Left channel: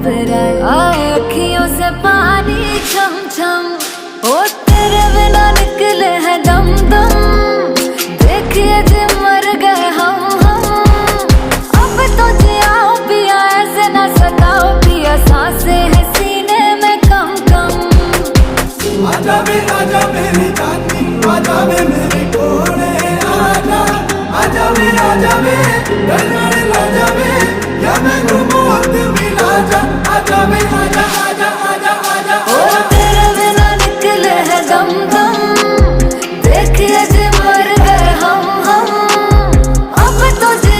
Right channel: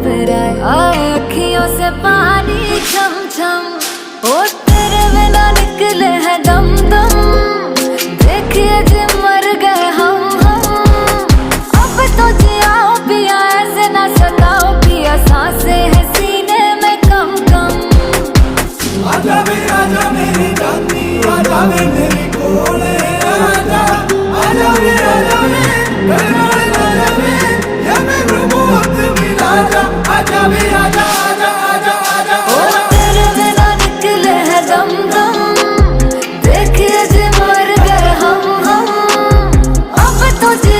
आए अखियों से पानी छम छम, ओ तेरे बिना निकले है दम दम। देखिए जी मर गए हम अब तो जियाओ पिया, ऐसे ना सताओ पिया, सांसें है सीने में कम कम। आजा मेरी